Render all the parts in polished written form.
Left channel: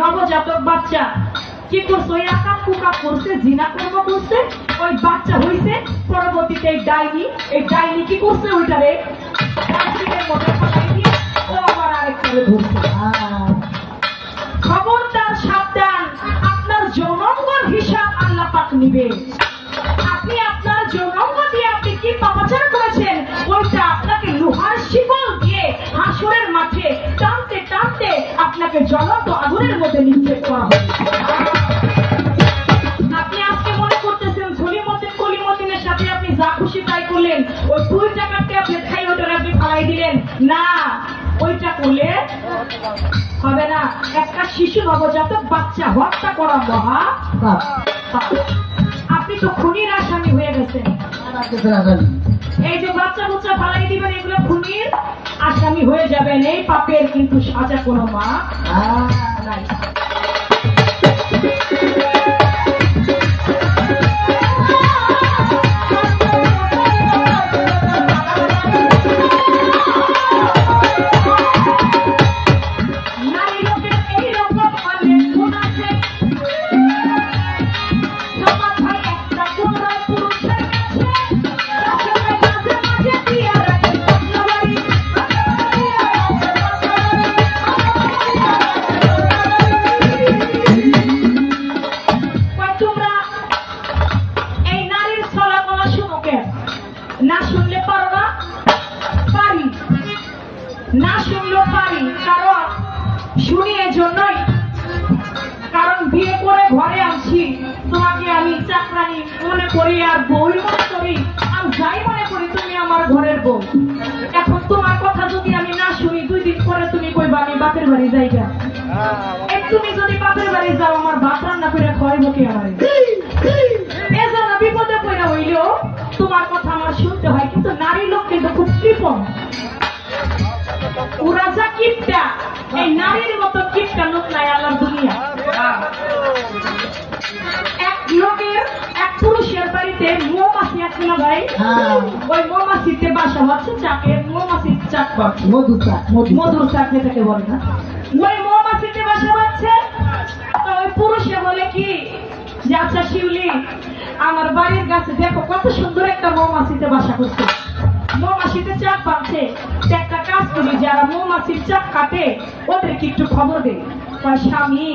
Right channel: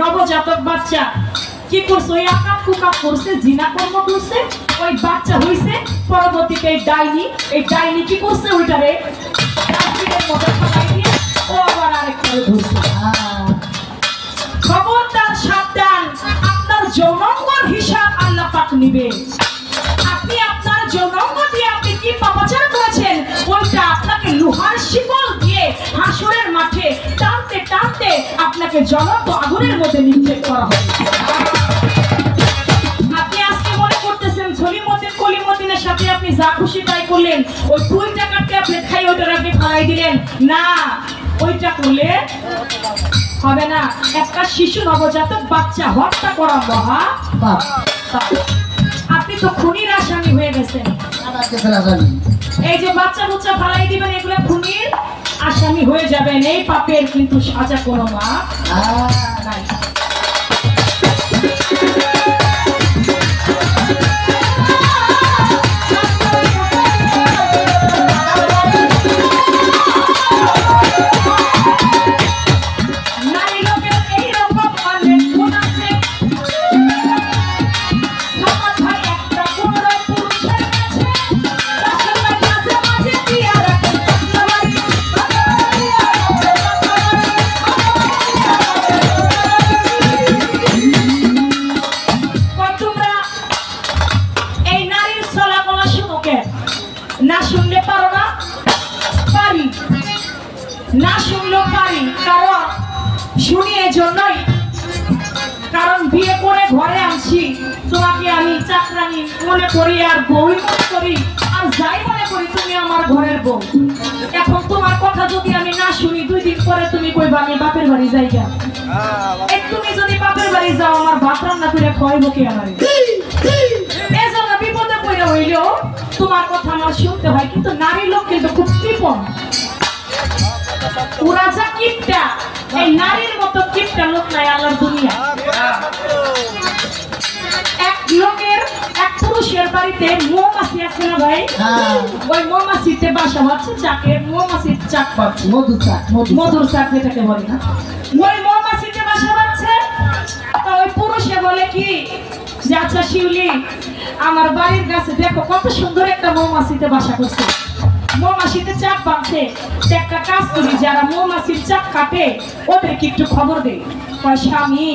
নবজাতক বাচ্চা কি করছে ওই আকাম কুকাম করছে জিনা কর্ম করছে ওই বাচ্চা হইছে পরবর্তীতে এই ডাইনি কি করছে ওইটারে ডাস্টবিনের মধ্যে ফেলাই দিয়ে ও আবার আরেকটারে ধরছে খবরদার সাবধান আপনার যৌনাঙ্গর হিসাব আল্লাহ পাক নিবে আপনি আপনার যৌনাঙ্গ দিয়ে আপনি কি পাপাচার করেছেন ওইটা আপনাকে লোহার শিকল দিয়ে হাসরের মাঠে টানতে টানতে আপনাকে জ্বলন্ত আগুনের মধ্যে নিক্ষেপ করা হবে আপনি আজকে মনে করতেছেন ঝলিমতিন কলিমতিনের সাথে আপনি যা খুশি তাই করলেন ওই 2 টাকাতে আপনি খাই ওইটা আপনি ফালাই দিলেন না ওইটা করলে হবে না একটা শিশু নবজাতক বাচ্চা হত্যা করা মহা পাপ আপনি তো খুনির আসামি হয়ে গেছেন এই যে বাচ্চা বুচ্চা ফালাই দিবেন এগুলো খুনির আসামি হয়ে যাবেন এই পাপের কিন্তু সাজা কোনো মা নাই জানি মনে করি আর বউই মনে করি আর যাই মনে করি তুমি আমার ঘরের বউ। এখন তোমার কথা যদি আমি না শুনি 2 দিন পরে তুমি কইবা আমি বাপের বাড়ি যাই গা। তুমি যদি বাপের বাড়ি যাও আমার ভাত রান্না করে খাওয়াইবো কে আমারে? এজন্য বিপদে পড়ে হইলেও তোমার কথা আমার শুনতে হয়। কিন্তু নারী লোক কিন্তু খুব কৃপণ, ওরা যা কিপটা, এই নারীর মতো কিপটা লোক নাই আল্লাহর দুনিয়া। এক পুরুষের বাড়িতে মৌমাছি আছে না ভাই, ওই মৌমাছিতে বাসা বাঁধছে, চাকে মৌমাছির চাক পাচ্ছে, মধুর চাক যেটাকে বলে না, ওই মৌমাছিতে বাসা বাঁধছে। তো ওই পুরুষে বলে কি যে আচ্ছা শিউলি, আমার বাড়ির কাছে দেখো কত সুন্দর একটা মৌমাছিতে বাসা করছে, মৌমাছিতে চাপ বাঁধছে, একটা কাজ করি যারা মৌমাছির চাপ কাটে ওদেরকে একটু খবর দেয়। স্বামী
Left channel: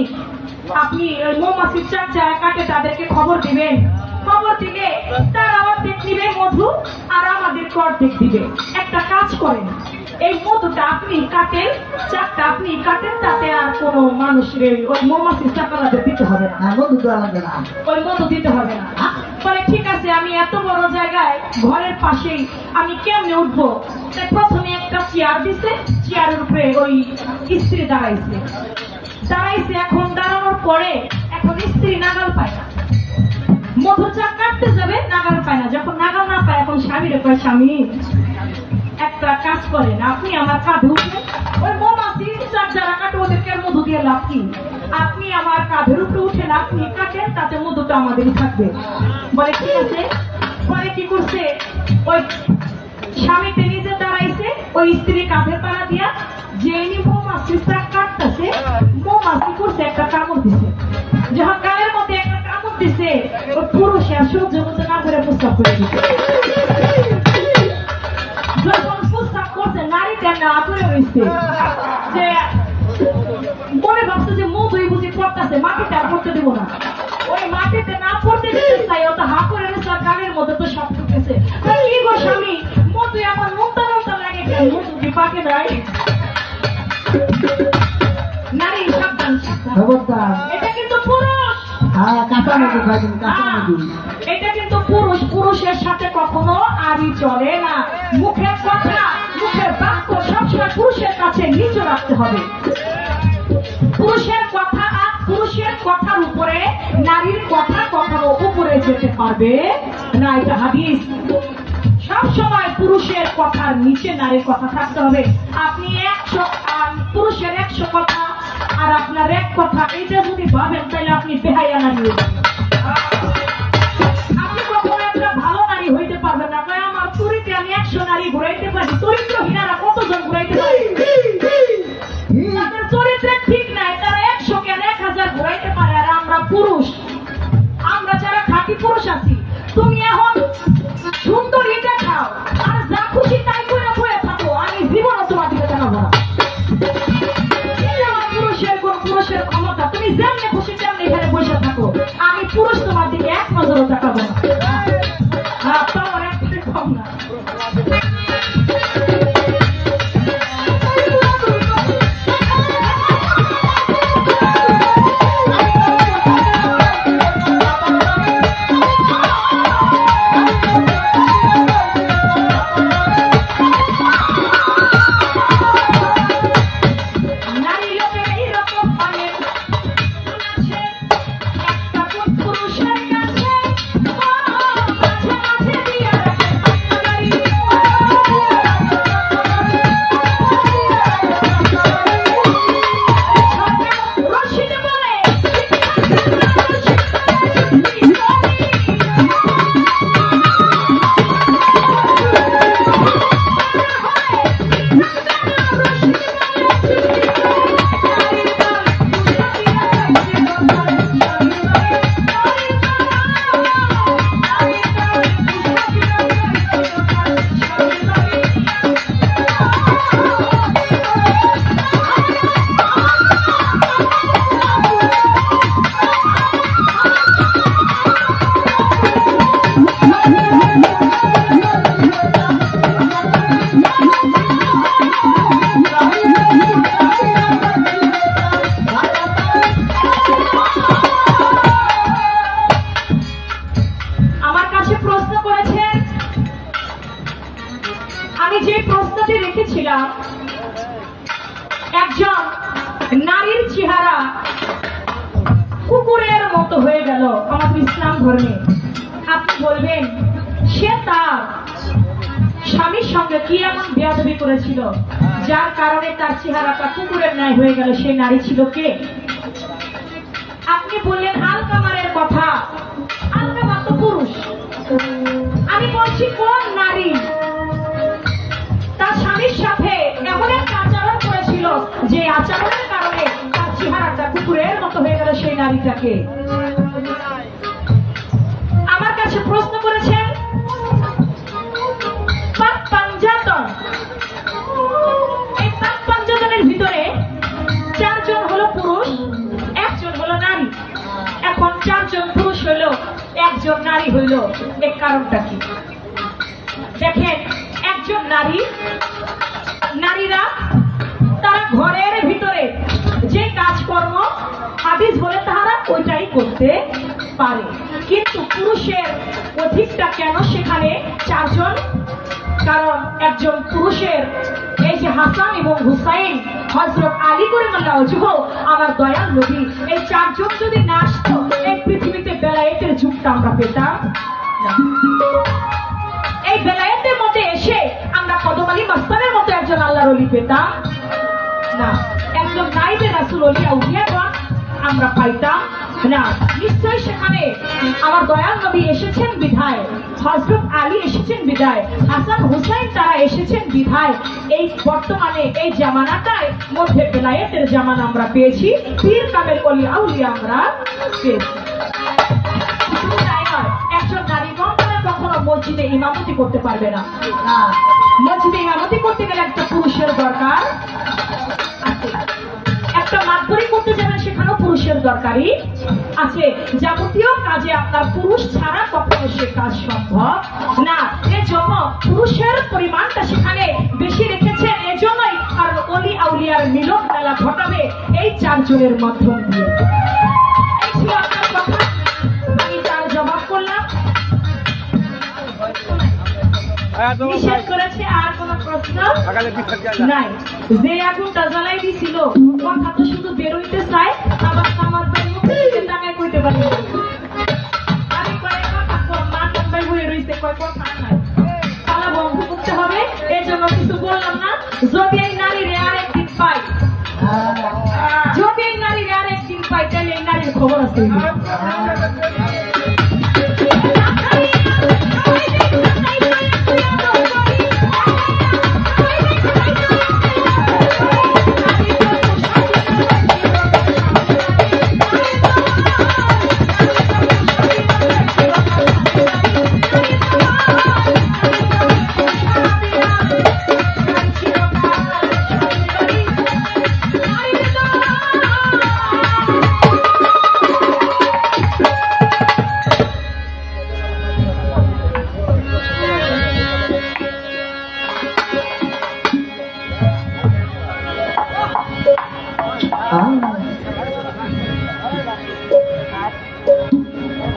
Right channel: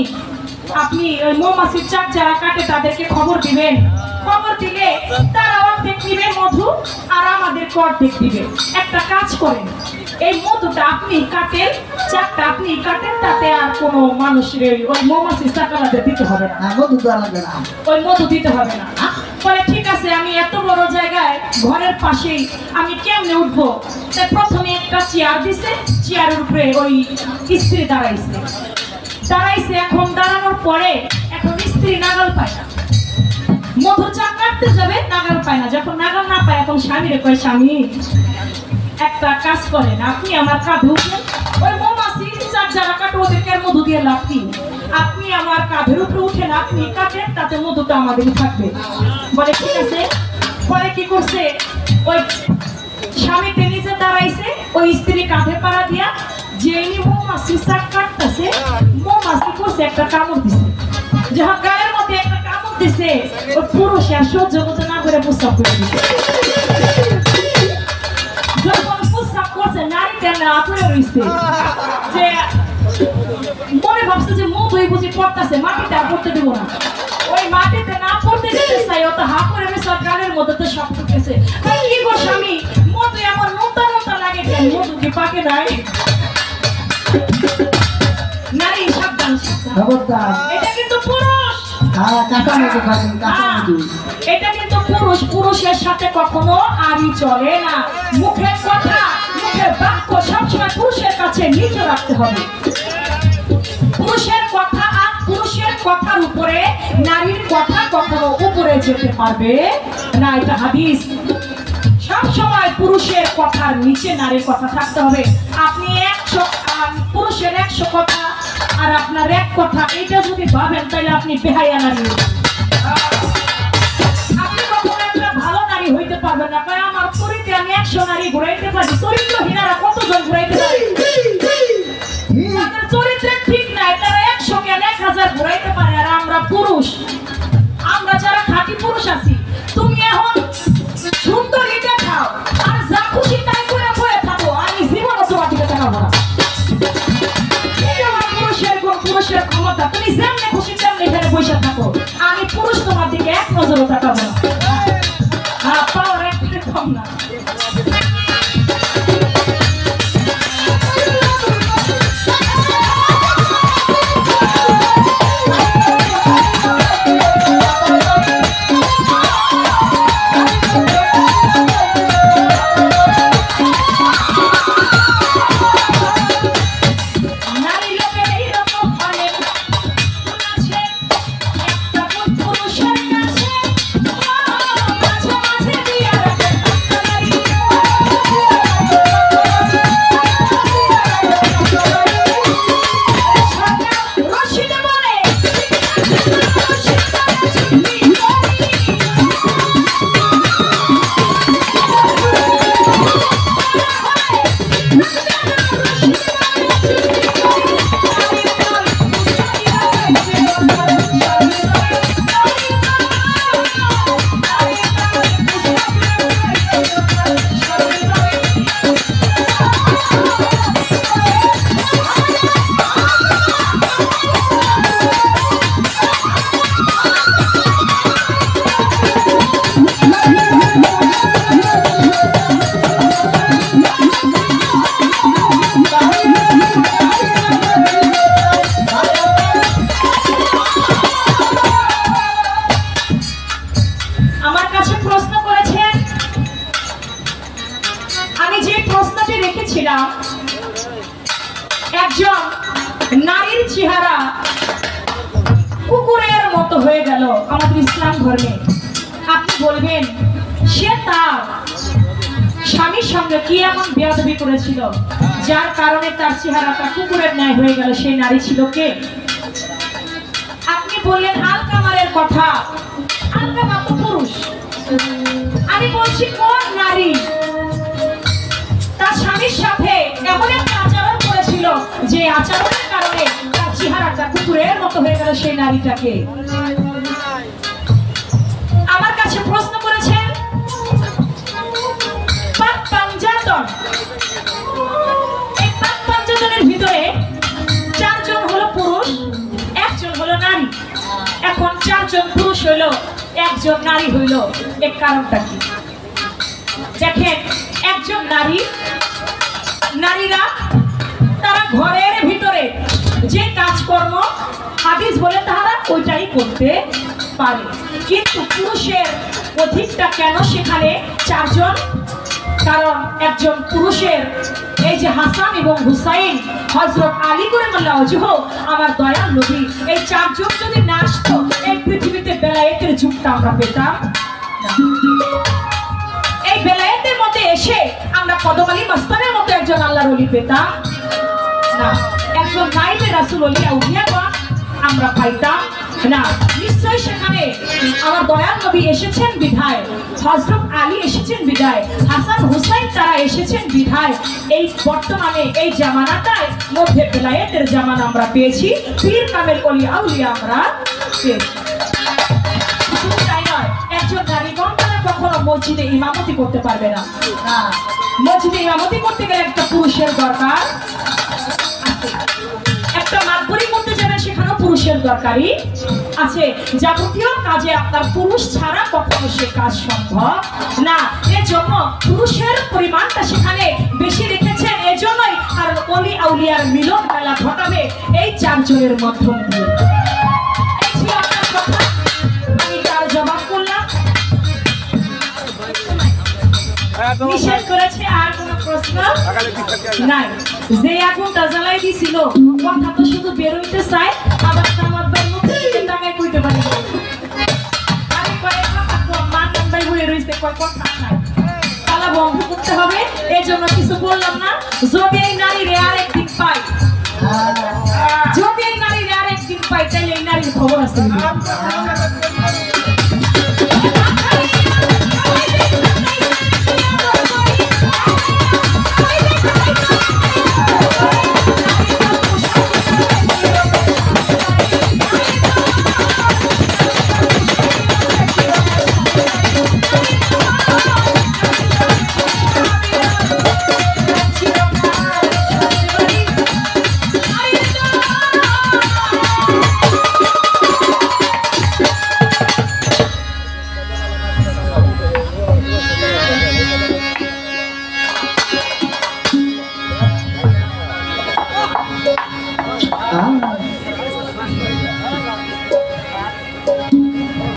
আপনি ওই মৌমাছির চাপ যারা কাটে তাদেরকে খবর দিবেন, খবর দিলে তারা অর্ধেক নিবে মধু আর আমাদের অর্ধেক দিবে। একটা কাজ করেন, এই মধুটা আপনি কাটেন, চাপটা আপনি কাটেন, তাতে আর কোনো মানুষের ওই মৌমাছির চাকালাদের দিতে হবে না, মধু দেওয়া লাগবে না, ওই মধু দিতে হবে না। বলে ঠিক আছে, আমি এত বড় জায়গায় ঘরের পাশেই আমি কেমনে উঠবো? তাই প্রথমে একটা চেয়ার দিছে, চেয়ারের উপরে ওই স্ত্রী দাঁড়াইছে। এখন দাঁড়ানোর পরে এখন স্ত্রী নাগাল পায় না, মধুর চাক কাটতে যাবে নাগাল পায় না। যখন নাগাল না পায় এখন স্বামীরে কয় স্বামী একটা কাজ করেন, আপনি আমার কাঁধে উঠেন, ওই মৌমাছির চাক যারা কাটে ওদেরকে আর মধু দিয়ে লাভ কি, আপনি আমার কাঁধের উপরে উঠেন, আপনি কাটেন, তাতে মধুটা আমাদেরই থাকবে। বলে ঠিক আছে। পরে কি করছে, ওই স্বামীতে নিজে দাঁড়াইছে, ওই স্ত্রী কাঁধে পাড়া দিয়া যে মৌমাছির চাক কাটতেছে, মৌমাছি করছে একটা কামড় দিছে। যখন গায়ের মধ্যে একটা কামড় দিছে, ওই পুরুষে আর সহ্য করতে না করে প্রস্তাব করে দিছে। যখন প্রস্তাব করছে নারীটা না করে রয়েছে, যে মনে ভাবছে যে মধুই বুঝি পড়তেছে, মাটিতে আর পড়তে দেবো না, ওই মাটিতে না পড়তে দিতে চাই, ও তো হা করে রয়েছে, গানের মধ্যে তো সব ঢুকেছে। কি গো স্বামী, মধু আমার নোনতা নোনতা লাগে কেন, মধু কি পাকে নাই? নারী সাবধান সাবধান, এটা কিন্তু পুরুষ, এটা কিন্তু পুরুষ, পুরুষের সাথে কখনো আড়ি চলে না। মুখের কথা, মুখের বাক্য সবসময় পুরুষের কাছে নিচে রাখতে হবে। পুরুষের কথা আর পুরুষের কথার উপরে নারীর কথা কখনো উপরে যেতে পারবে না, এটা হাদিস। সব সময় পুরুষের কথার নিচে নারীর কথা থাকতে হবে। আপনি পুরুষের 100 কথা আর আপনার 1 কথা, এইটা যদি ভাবেন তাহলে আপনি বেহায়া নারী, আপনি কখনো একটা ভালো নারী হইতে পারবেন না। কারণ আমার চরিত্রে আমি 100 নারী ঘুরাইতে পারি, চরিত্রহীনারা কতজন ঘুরাইতে পারে? তাদের চরিত্রে ঠিক নাই, তারা 100 কেন 1000 ঘুরাইতে পারে। আর আমরা পুরুষ, আমরা যারা খাঁটি পুরুষ আছি, তুমি এখন সুন্দরী দেখাও আর যা খুশি তাই করে বয়ে থাকো, আমি জীবনে তোমার দিকে তাকাবো না। পুরুষের ক্ষমতা, তুমি যেমনি খুশি তেমনি এখানে বসে থাকো, আমি পুরুষ তোমার দিকে 1 নজরও তাকাবো না। পাওয়ার একটু কম না। হয়ে গেল আমাদের ইসলাম ধর্মে, আপনি বলবেন সে তার স্বামীর সঙ্গে কি এমন বেয়াদবি করেছিল যার কারণে তার চেহারাটা কুকুরের ন্যায় হয়ে গেল? সেই নারী ছিল কে? আপনি বললেন আলকামারের কথা। আলকামার তো পুরুষ। আমি বলছি কোন নারী তার স্বামীর সাথে এমন একটা আচরণ করেছিল যে আচরণের কারণে তার চেহারাটা কুকুরের মতো হয়ে গেল? সেই নারীটাকে আমার কাছে প্রশ্ন করেছেন পাক পাঞ্জাতন। এই পাক পাঞ্জাতনের ভিতরে 4 জন হলো পুরুষ, 1 জন হলো নারী। এখন 4 জন পুরুষ হইলো, 1 জন নারী হইলো, এর কারণটা কি? দেখেন, একজন নারীরা তারা ঘরের ভিতরে যে কাজকর্ম হাদিস বলে তাহারা ওইটাই করতে পারে, কিন্তু পুরুষের অধিকটা কেন সেখানে 4 জন? কারণ একজন পুরুষের এই যে হাসান এবং হুসাইন, হযরত আলী কারামাল্লাহু ওয়াজহু, আমার দয়াল নবী, এই 4 জন যদি না আসতো এই পৃথিবীতে বেলায়েতের যুগটা আমরা পেতাম না। এই বেলায়েতের মধ্যে এসে আমরা কদম আলী মাস্তানের মতো একজন আল্লাহর ওলি পেতাম না, একজন নাইবে রাসূল ওলি আউলিয়াগণ আমরা পাইতাম না। নিশ্চয়ই সেখানে আমার দয়াল নবী এসেছেন বিধায়, হযরত আলী এসেছেন বিধায়, হাসান হুসাইন তারা এসেছেন বিধায় এই বর্তমানে এই জামানাটায় মধ্যে বেলায়েতের জামানা আমরা পেয়েছি, পীর কামেল ওলি আউলিয়া আমরা পেয়েছি। শুধু তাই নয়, একজন নারীগণ তারা কখনো মসজিদে ইমামতি করতে পারবে না। মসজিদে ইমামতি করতে গেলে একটা পুরুষের দরকার আছে। একটা মাতবরি করতে যাবেন, সেখানেও পুরুষের দরকারই আছে। যাবতীয় কাজে আপনার পুরুষ ছাড়া কখনো সে কাজ সম্ভব না। এর জন্য পুরুষের পরিমাণটা সেখানে বেশি রেখেছেন, এজন্যই আর ওলি আউলিয়ার মিলন মেলা ঘটাবে এই 4 জনের মাধ্যম দিয়ে। এই ছিল আপনার কথা, আমি তার জবাব করলাম। নিষেধ করেছে, আর কোন প্রশ্ন নাই? যে আগুনটা জ্বালাই দিছিল, কথা তো শুধু বেরোইতে চাই, আবার আমার ভাই মুখে টাঙে কইতে পারি। আমি কয়েক মাতাম ভাই ঘুরে রইছে, কয় কথা নাই, তালা বন্ধ করতে হবে। এই জন্য কিছু বললাম না। যদি এই নারীর আর একদিন পাই, যদি এই নারীর আর একদিন পাই, তাহলে এই নারীর খবর আছে।